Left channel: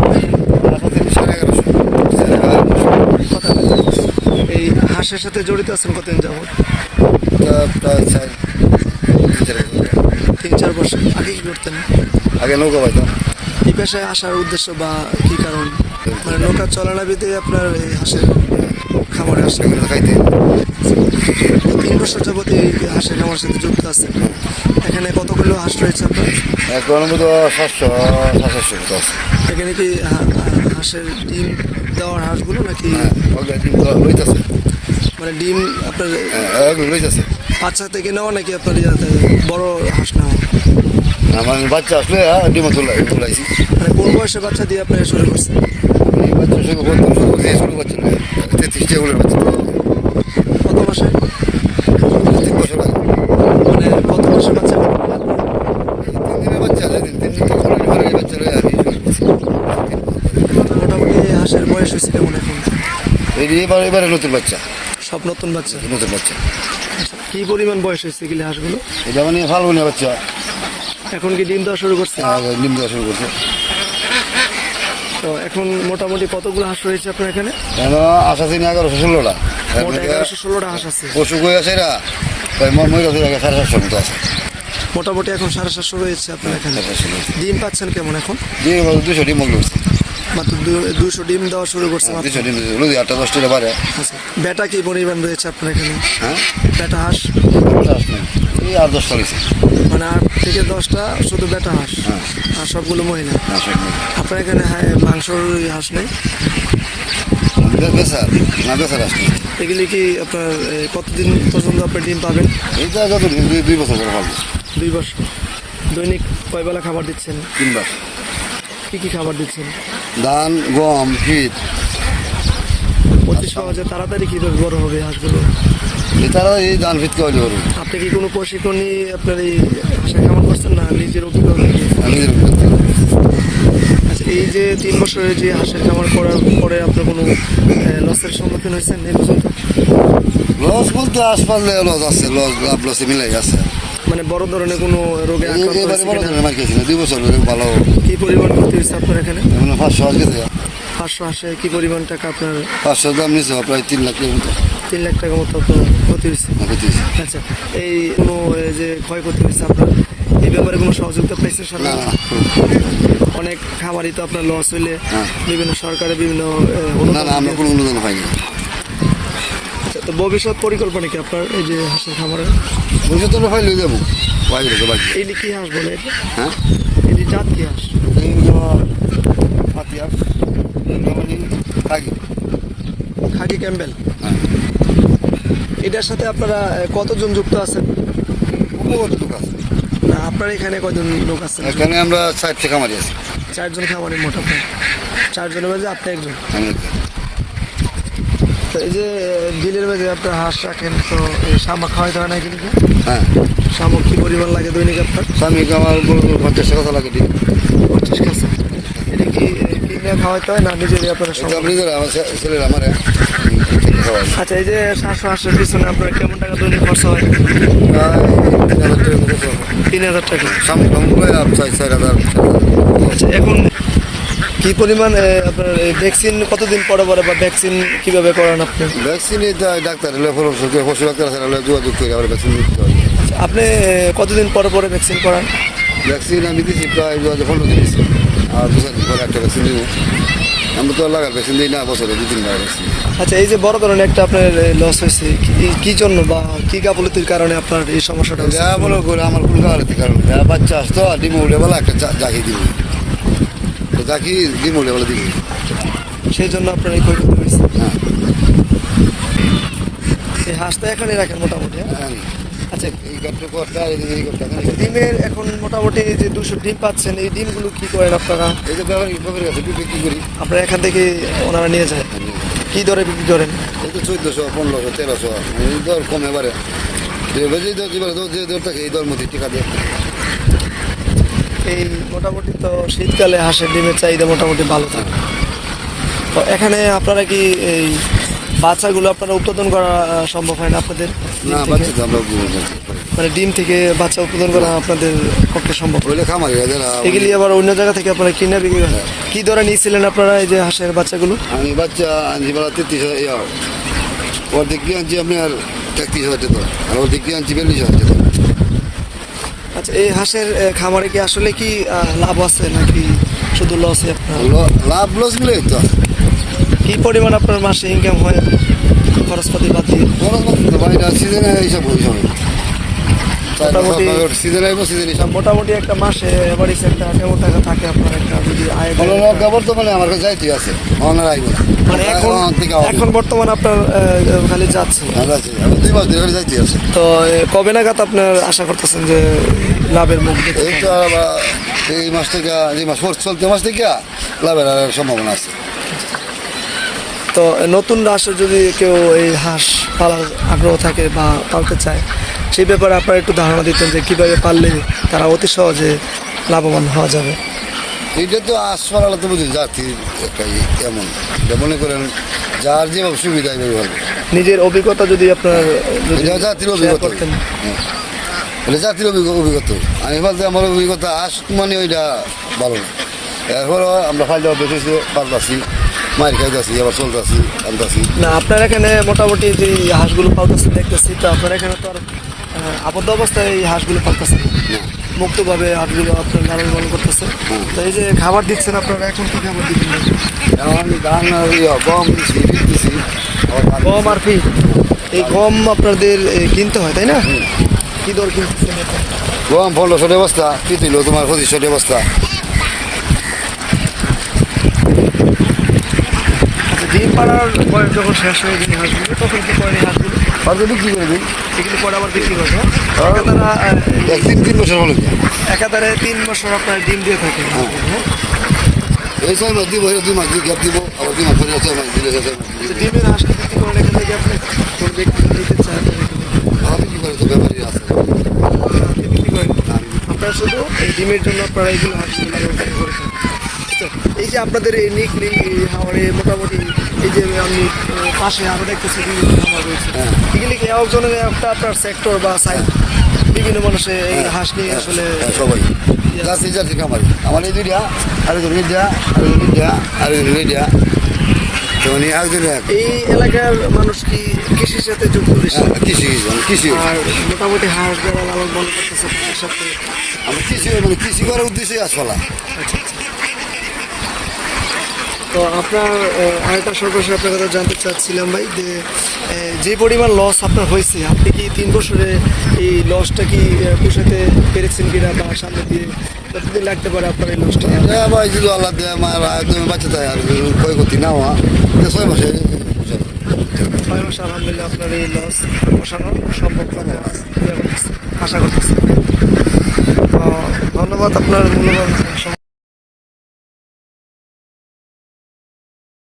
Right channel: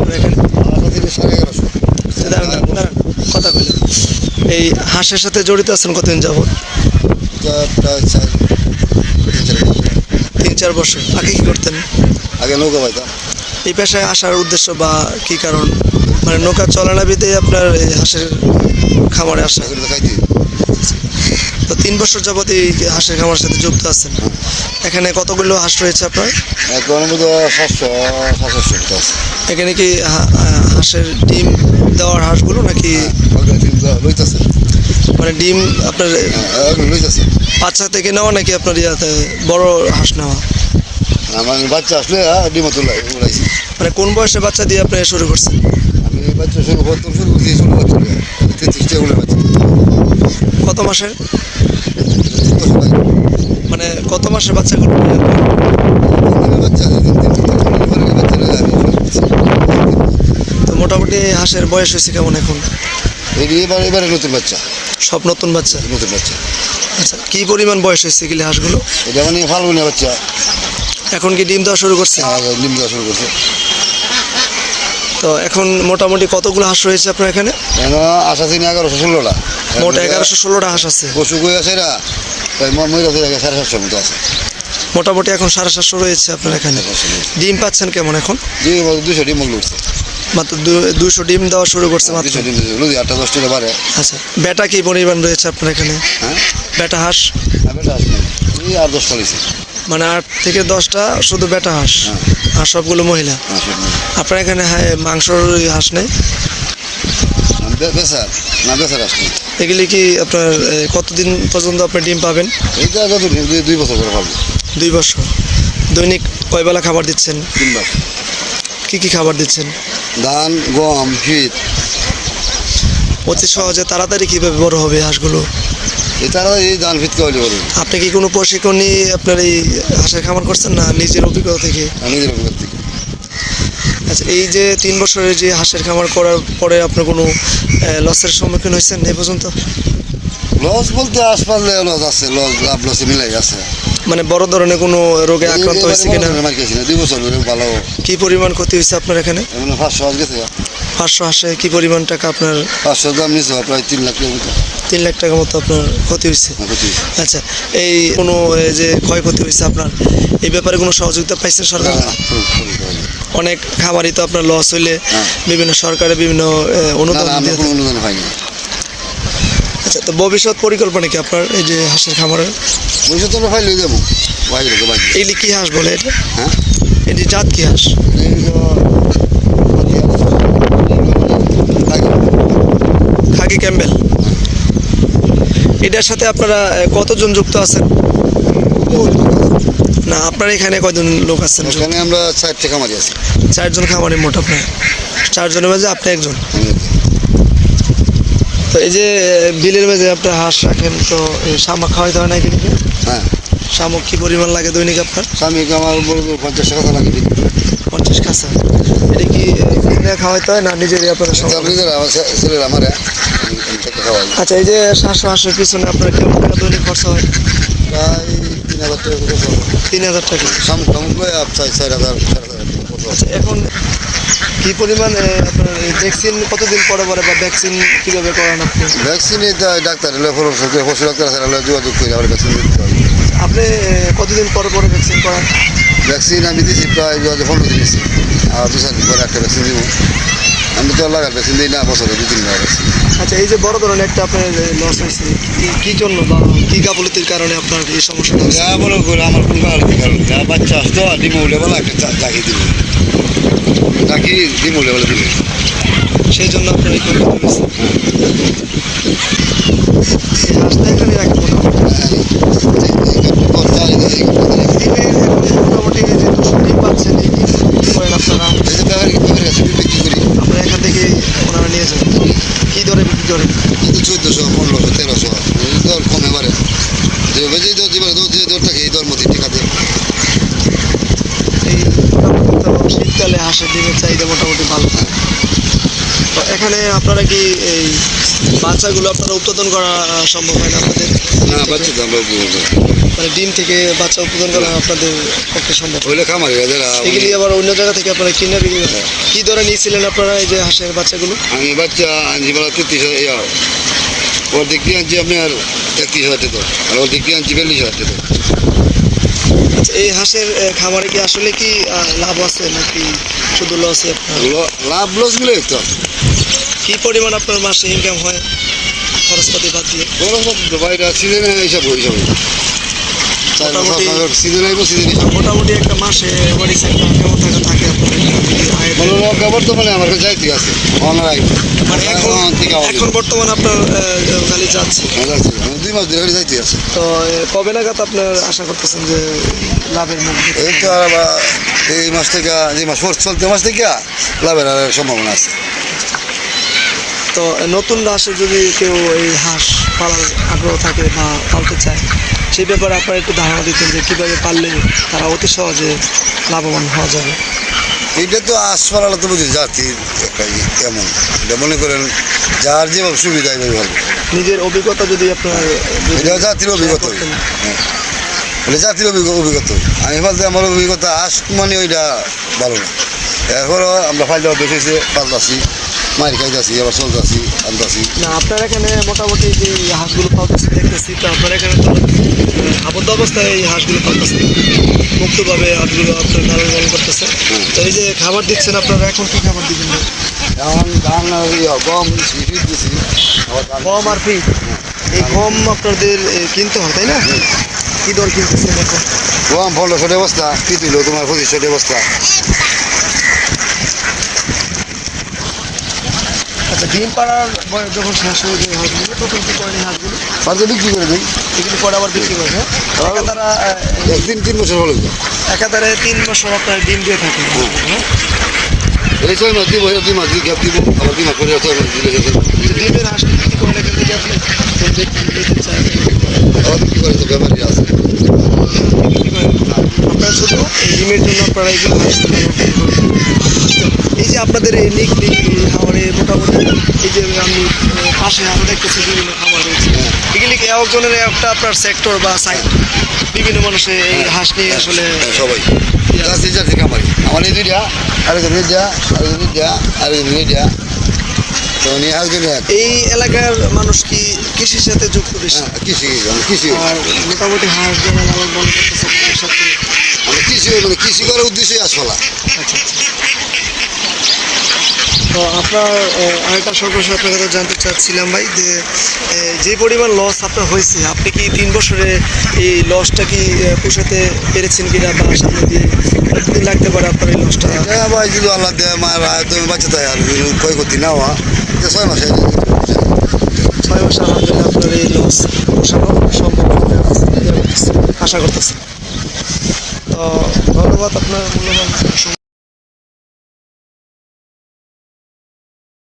বলুন। এই হাঁসের সাথে জড়িত আছেন কতদিন যাবত তিন চার বছর। আগে কি করতেন আগে নৌকা পাইতাম এই পেশায় আসার উদ্দেশ্য বা কি কারণ মানে নৌকা চলানাবিতে আপনার এই হাঁসের খামারে আসা খাইতে বছর যাবত এই হাঁসের খামারের সাথে যুক্ত আছেন? এখানে কতগুলো হাঁস রয়েছে আপনার? এখন মতো সাতশো সাতশো মতো আছে। এখানে কি হাঁসের ডিম দেওয়ার হাঁসগুলো নাকি? হ্যাঁ ডিম লইতেছে। মানে ডিম আপনার লইতেছে। বাচ্চা থেকে নেওয়া নাকি আপনার ইয়াতে বড় হাঁস নেওয়া? আমার বাচ্চা আসলে হ্যাঁ ডিম তুলাই উলাইছি। মানে কোন বয়সে বাচ্চা দিয়ে আপনি শুরু করছেন? আমি বাচ্চা শুরু করতাম শুরু করছি ষোলো বছর তেত্রিশটা বাচ্চা। কত মাসে তিন বছর আগে মানে কত মাসে বাচ্চা করবেন তিন দিনের বাচ্চা তিন তিন তিন তিন ঘরের বাচ্চা রয়ে আমি তো মোটামুটি হাঁসের বয়স হয়েছে কেমন এখন? এবার এবারে নতুন বাচ্চা। সব নতুন বাচ্চা? নতুন বাচ্চা। আচ্ছা কি পরিমাণ বয়স হয়েছে এগুলি হাঁসগুলো? এটা মানে ফাল্গুনে বাচ্চা। এখন কি ডিম দেওয়া শুরু করছে? আগে ডিম দেওয়া শুরু করছে। তো এখন মোটামুটি কতগুলো হাঁস রয়েছে আপনার এখানে? কেন আশা দিন এগারোশো ষোলোটা। মোট এগারোশো ষোলোটা হাঁস আছে। পশু কই আছে এরা? তাই ময়ূর আছে সাড়ে সাতশোর মতো আছে। মোটামুটি এখন সাড়ে সাতশো রয়েছে আপনার এখানে। ডিম পাচ্ছেন কেমন এখন? দুশো ডিম উঠছে মাত্র দুশো ডিম দেওয়া শুরু করছে মাত্র। ডিম আটটা দশটা বারে আচ্ছা বেটা কি পরিমাণ রয়েছে আপনার এখানে? হ্যাঁ? বেটা হাঁস? আস এই আর দশটা হয়েছে। মানে আট থেকে দশটা শুধু বেটা হাঁস? হ্যাঁ। আর সবগুলো মহিলা? আপনার এখানে হ্যাঁ মাংসর হাঁস নেই? না, বে- না বেচার আস এগুলি কি আপনার কতদিন পর্যন্ত আপনি ডিম পাবেন? এইটা যত দুই- বছর করে পাবো। দুই বছর। দৈনিক কয় বেলা খাবার দিচ্ছেন? তিনবার। কি কি খাবার দিচ্ছেন? ধান গম শীত। অতি সহজে তাড়াতাড়ি কীভাবে বড় হবে হাঁসগুলো? এই তারা এই ধান খাওয়াইলে করব আপনি কি কোনো প্রশিক্ষণ নিয়ে আপনার এই হাঁসের খামার করছেন না নিজের অভিজ্ঞতা থেকে? নিজের। আচ্ছা এই যে তিন বছরের যে হাঁসের খামার করার পরে আপনার কোনো লসের সম্মুখীন হয়েছেন এই পর্যন্ত? লস বলতে আসপালে লস আছে লস লাভ লসে মিলাই আছে মানে বড় ধরনের কোনো রোগে আক্রান্ত হয়েছে কিনা? মার না দুই বছর ধরে ভালো। কি পরিমাণ ক্ষতি হয়েছে আপনার এখানে? এমন পাঁচশো গেছে পাঁচশো হাঁসে কি পরিমাণ টাকা আপনার? পাঁচশো দাম নিয়েছে প্রায় তিন লাখ টাকার মতো। তিন লাখ টাকার মতো আপনার ক্ষতি হয়েছে। ক্ষতি আচ্ছা এই কোনো যে ক্ষয়ক্ষতি হয়েছে আপনার? এই ব্যাপারে কোনো সহযোগিতা পাইছেন না সরকার অনেক খামারই তো আপনার লস হইলে হ্যাঁ। বিভিন্ন সরকারের বিভিন্ন অনুদান আমরা কোনো অনুদান পাইনি। আচ্ছা তো ভবিষ্যৎ পরিকল্পনা কি আপনার এই যে হাঁসের খামারের? ভবিষ্যৎ আমরা পাইলে দেবো। পাইলে এইলি কি হাঁস বলে এটা? হ্যাঁ? এটি জাত কি হাঁস? Khaki Campbell. হ্যাঁ। এটার সাথে আপনারা কতজন যুক্ত আছেন? না আপনার এখানে কয়জন লোক আছেন? এখানে আমরা চারটে খামারি আছি। চারজন খামারে মোট আপনার? চারজনের মাঝে আপনি একজন? তো এই যে বিলের মাঝে আপনার হাঁস রাখেন তো এই শামুক খাওয়াইতে হয় না কিন্তু হ্যাঁ। শামুক কি পরিমাণ লাগে দৈনিক আপনার? স্বামীকে আমার পঞ্চাশ টাকা লাগে পঞ্চাশ খাসা। এটা কি খাওয়াইতে হয় না নিজেরই আপনার আমার ছেলের আমার আচ্ছা এই যে শ্বাস হাঁসের পিছনে আপনার কেমন টাকা দৈনিক খরচা হয়। প্রায় তিন হাজার টাকা খরচ হবে। তিন হাজার টাকা। টামুক লয়ে চার চার হাজার। আচ্ছা এখন কি পরিমাণ আপনার ভ্যাকসিন কতদিন পরে পরে বা ভ্যাকসিন কীভাবে করান আপনি? ভ্যাকসিন ডাক্তার পরামর্শ পশু ডাক্তার আছে এলে যোগাযোগ করে আবার ভ্যাকসিন দিতে হয়। আপনি কতদিন পরে পরে ভ্যাকসিন করান? ভ্যাকসিন আমি দিছি প্রায় দু হাজার পনেরো দিন দিচ্ছি আর দু চার দিন পরে একটা ভ্যাকসিন দিব। আমি তো লাগার ভ্যাকসিন দিই না বছরে দু তিনবার ভ্যাকসিন আচ্ছা এই যে বড় ধরনের একটা আপনার লস হয়েছে কি- কি জন্য বা কি গাফলতির কারণে আপনার এই সমস্যাটা যা মনে করে আমার কোন কারণ কারণ যা বাচ্চা আসতো ডিম উঠে বেলা একটা চা- জাকি দিব। জাকি ডিম বেলা দিব। সেই জন্য আপনার এই ক্ষয়ক্ষতি হয়েছে? হ্যাঁ। এই হাঁসটা এখানে রাখেন মোটামুটি? হ্যাঁ, মোটামুটি যে দুশো ডিম পাচ্ছেন এই ডিম কি করেন আপনারা? এই যে ব্যাপারী ব্যাপারী কাছে বিক্রি করি? আপনারা এখান থেকে ওনারা নিয়ে যান। কী দরে বিক্রি করেন? কিন্তু চোদ্দোশো পনেরোশো তেরোশো। এই দর কম এবারে যে যে দর যেবারে দর যে দর থাকে এই দর মধ্যে টিকা দেয়। এই শীতকালে হাঁসের ডিমের চাহিদা মোটামুটি ভালো থাকে। তো এখানে আপনারা কি এই বাচ্চাগুলো আপনারা উৎপাদন করা সম্ভব হয় না আপনাদের? না বাচ্চা আমরা মানে ডিম থেকে বাচ্চা উৎপাদন করা আপনাদের পক্ষে সম্ভব? ওইলে খামারি যারা এগুলি আবার অন্য জায়গা থেকে আপনারা কিনে বিক্রি করেন। কি দরে নিয়েছিলেন আপনারা এই যে হাঁসের বাচ্চাগুলো? আমি বাচ্চা আনছি বেলা তেত্রিশ হাজার ওর দিক দিয়ে আনছি আপনার তেত্রিশ হাজার টাকা। আর ওর দিক দিয়ে আনছি বিয়াল্লিশ হাজার টাকা। আচ্ছা এই হাঁসের খামারে কি আসলে কি লাভ আছে নাকি শুধু লসে লাভ লসগুলো তো। কি পরিমাণ আপনার মাসে ইনকাম হয় খরচপাতি বাদ দিয়ে? কথা তো বাড়িটা সিজনে এইসব ওইসব মোটামুটি- সিজন আইব সিজন মোটামুটি একটা মাসে বাড়ি একটা কেমন টাকা থাকে আপনার একটা যদি আয় লঙ্কা বর্তমানে আমার কাছে যাইতে আছে অনার আইব এখন বর্তমান আপনার খালি যাচ্ছে। যাচ্ছি। দুই মাস ধরে যাইতে আছে তো কবে নাগাদ আপনার আশা করতেছেন যে লাভের মুখ এই তো এই মাস থেকে যে মাস চলতে মাস থেকে লাভের আর সম্ভাবনা আছে। তো নতুন হাঁসের যদি কেউ এই হাঁস পালার আগ্রহ থাকে বা পালতে চায় সেই ব্যাপারে আপনারা একটু ধারণা দিতেন যে কীভাবে পারলে তারা অতি সহজে লাভবান হওয়া যাবে। এইটা তো আসপাড়ালা তো বুঝি জাতির এমন। এটা মনে করেন যার যেভাবে সুবিধা এইভাবে হবে নিজের অভিজ্ঞতা যদি আপনার এটা জাতির অভিজ্ঞতা। এটা জাতির অভিজ্ঞ- অভিজ্ঞতা। আমি বলতে আমার অভিজ্ঞতা আস মানে ওইটা ভালো না। এরপর আমরা ফাইল বেশিছে পাল্টাছি মায়ের খাইতেছি আবার চলতেছি আনতেছি না আপনার এখানে মোটামুটি যে হাঁসগুলো পালতেছি দেখতেছি তো আপনার এখানে তো আবদ্ধ অবস্থায় এই হাঁসগুলো পালতেছে। মুক্তভাবে হাঁসগুলো আপনার লালন পালন করতেছে। তো এই যে খাবার দিচ্ছেন আপনারা এখন কি খাবার দিবেন? এখন ধান ইয়ে, গম ধান গম আর ফিট এই গম আপনাদের কিনতে হয় তাই না? কী দর কিনতেছেন এখন? গম পনেরোশো কী পিতুল তোমার পঁচিশশো বস্তা। আচ্ছা ডিম পাড়ার বয়স যখন শেষ হয়ে যায় হাঁসগুলো তখন কি করেন হাঁসগুলো? আর বিক্রি করে দিই। এগুলি পরে আবার বিক্রি করে হ্যাঁ। একাতারা তিন তিন বছর হলো তো। একাতারে তিন বছর আপনার ডিম দিয়ে থাকে। হ্যাঁ। এই ছয় মাস দিব দুই মাস দিয়ে গ্যাপ দিব। আবার দুই মাস পরে ছয় মাস দিলে গেছে ডিমের হাঁস বিক্রি করেন এখান? থেকে আপনি কোন ব্যক্তি নিতে চায় আবার বিক্রি করে তো ব্যাপারই আছে। বিক্রি করেন। আপনারা শুধু ডিমের জন্য আপনারা এইগুলো এই যে আপনাদের এই নিকলি খামারে মোটামুটি এই যে আমি পাশে আরও দেখতেছি বিভিন্ন খামার রয়েছে। এগুলি কি একজনের একটা আপনার সেক্টর বা সাইড বিভিন্ন মানুষে এই হাঁস নিয়ে আসলে হ্যাঁ, সবাই। আমার এই দুইটা আরেকজন আরেকজন আরেকজন এলাকার মানুষ কি কৃষির সাথে যুক্ত বেশি? হ্যাঁ, কৃষি কৃষি। আর মোটামুটি হাঁস যারা লালন পালন করতেছে সাথে কৃষি মানে কৃষি করার আচ্ছা আচ্ছা। তো আপনার আরেকটা সর্বশেষ আপনার কাছে জানতে চাচ্ছিলাম ভাই যে যে পরিমাণ লস আপনার হয়েছে আপনি কি তিন বছরে এই লসটা কি পোষাতে পেরেছেন কিনা বা সামনে দিয়ে কতদিন লাগতে পারে আপনার এই লসটা হ্যাঁ ভাই যদি আল্লাহ দেয় মায়ের তুমি বাচ্চা তাই আর ক্ষয় করতে নাও যে ছয় মাসে ছয় মাস। আমাদের আপনার এই লস পোষানো সম্ভব আশা করতেছি। তো ধন্যবাদ আপনার